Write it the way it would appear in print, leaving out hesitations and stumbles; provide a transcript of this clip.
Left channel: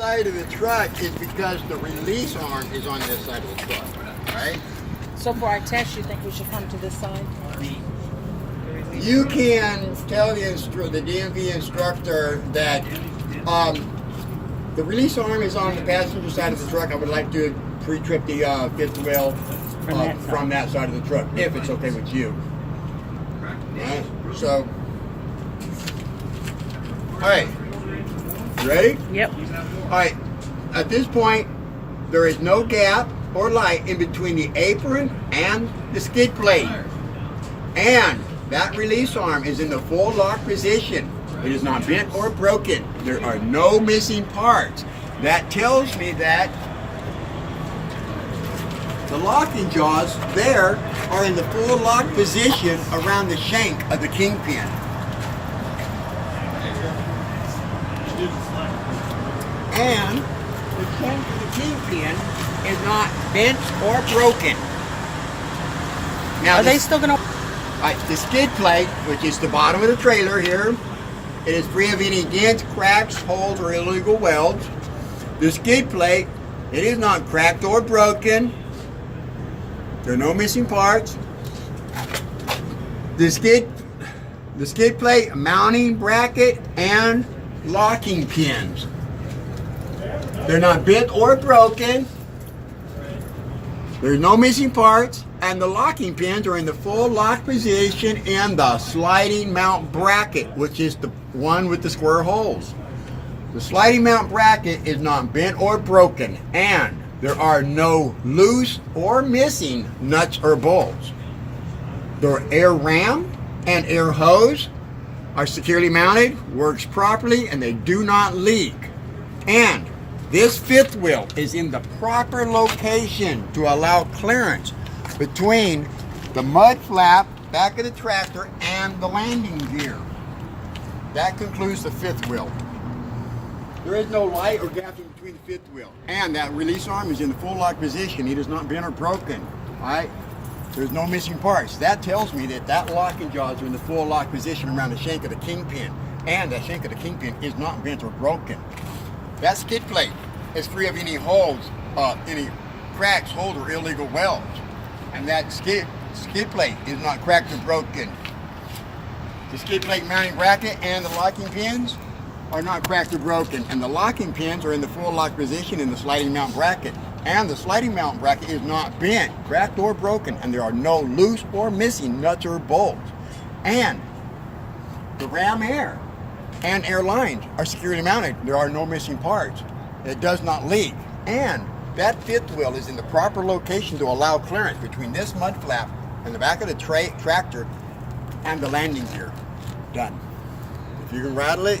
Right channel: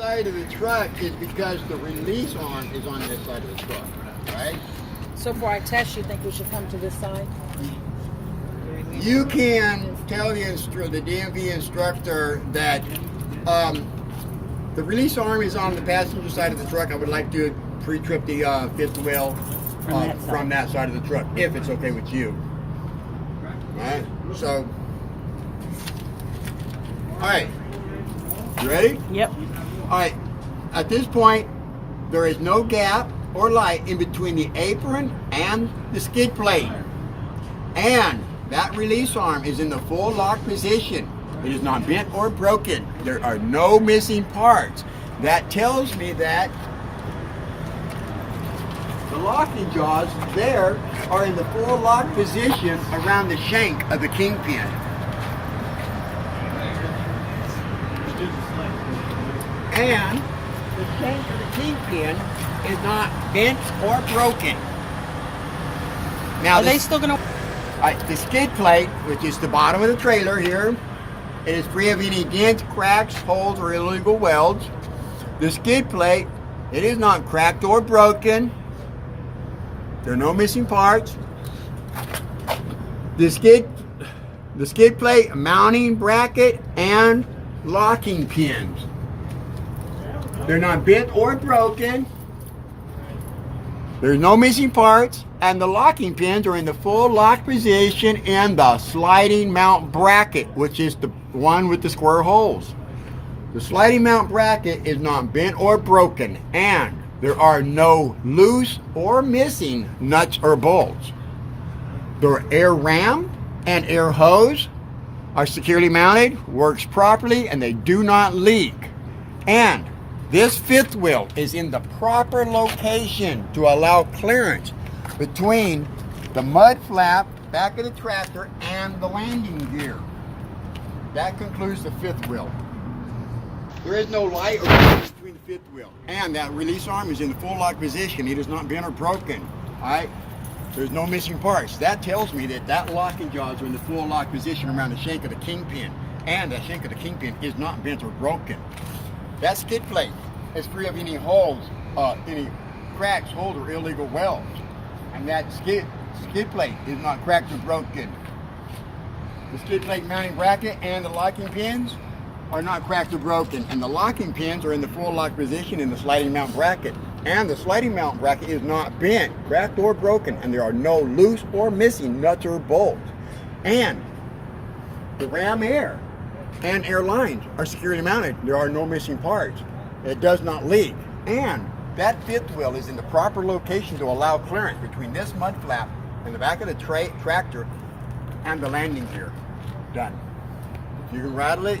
Side of the truck is because the release arm is on this side of the truck, right? So for our test, you think we should come to this side? You can tell the DMV instructor that the release arm is on the passenger side of the truck. I would like to pre-trip the fifth wheel from that side of the truck, if it's okay with you. All right, so, all right, you ready? Yep. All right, at this point, there is no gap or light in between the apron and the skid plate. And that release arm is in the full lock position. It is not bent or broken. There are no missing parts. That tells me that the locking jaws there are in the full lock position around the shank of the kingpin. And the shank of the kingpin is not bent or broken. Now, Are they still gonna? the skid plate, which is the bottom of the trailer here, it is free of any dents, cracks, holes, or illegal welds. The skid plate, it is not cracked or broken. There are no missing parts. The skid plate, mounting bracket, and locking pins. They're not bent or broken. There's no missing parts, and the locking pins are in the full lock position in the sliding mount bracket, which is the one with the square holes. The sliding mount bracket is not bent or broken, and there are no loose or missing nuts or bolts. The air ram and air hose are securely mounted, works properly, and they do not leak. And this fifth wheel is in the proper location to allow clearance between the mud flap, back of the tractor, and the landing gear. That concludes the fifth wheel. There is no light or difference between the fifth wheel. And that release arm is in the full lock position. It is not bent or broken. All right? There's no missing parts. That tells me that that locking jaws are in the full lock position around the shank of the kingpin. And that shank of the kingpin is not bent or broken. That skid plate is free of any holes, any cracks, holes, or illegal welds. And that skid plate is not cracked or broken. The skid plate mounting bracket and the locking pins are not cracked or broken. And the locking pins are in the full lock position in the sliding mount bracket. And the sliding mount bracket is not bent, cracked, or broken. And there are no loose or missing nuts or bolts. And the ram air and air lines are securely mounted. There are no missing parts. It does not leak. And that fifth wheel is in the proper location to allow clearance between this mud flap and the back of the tractor and the landing gear. Done. If you can rattle it,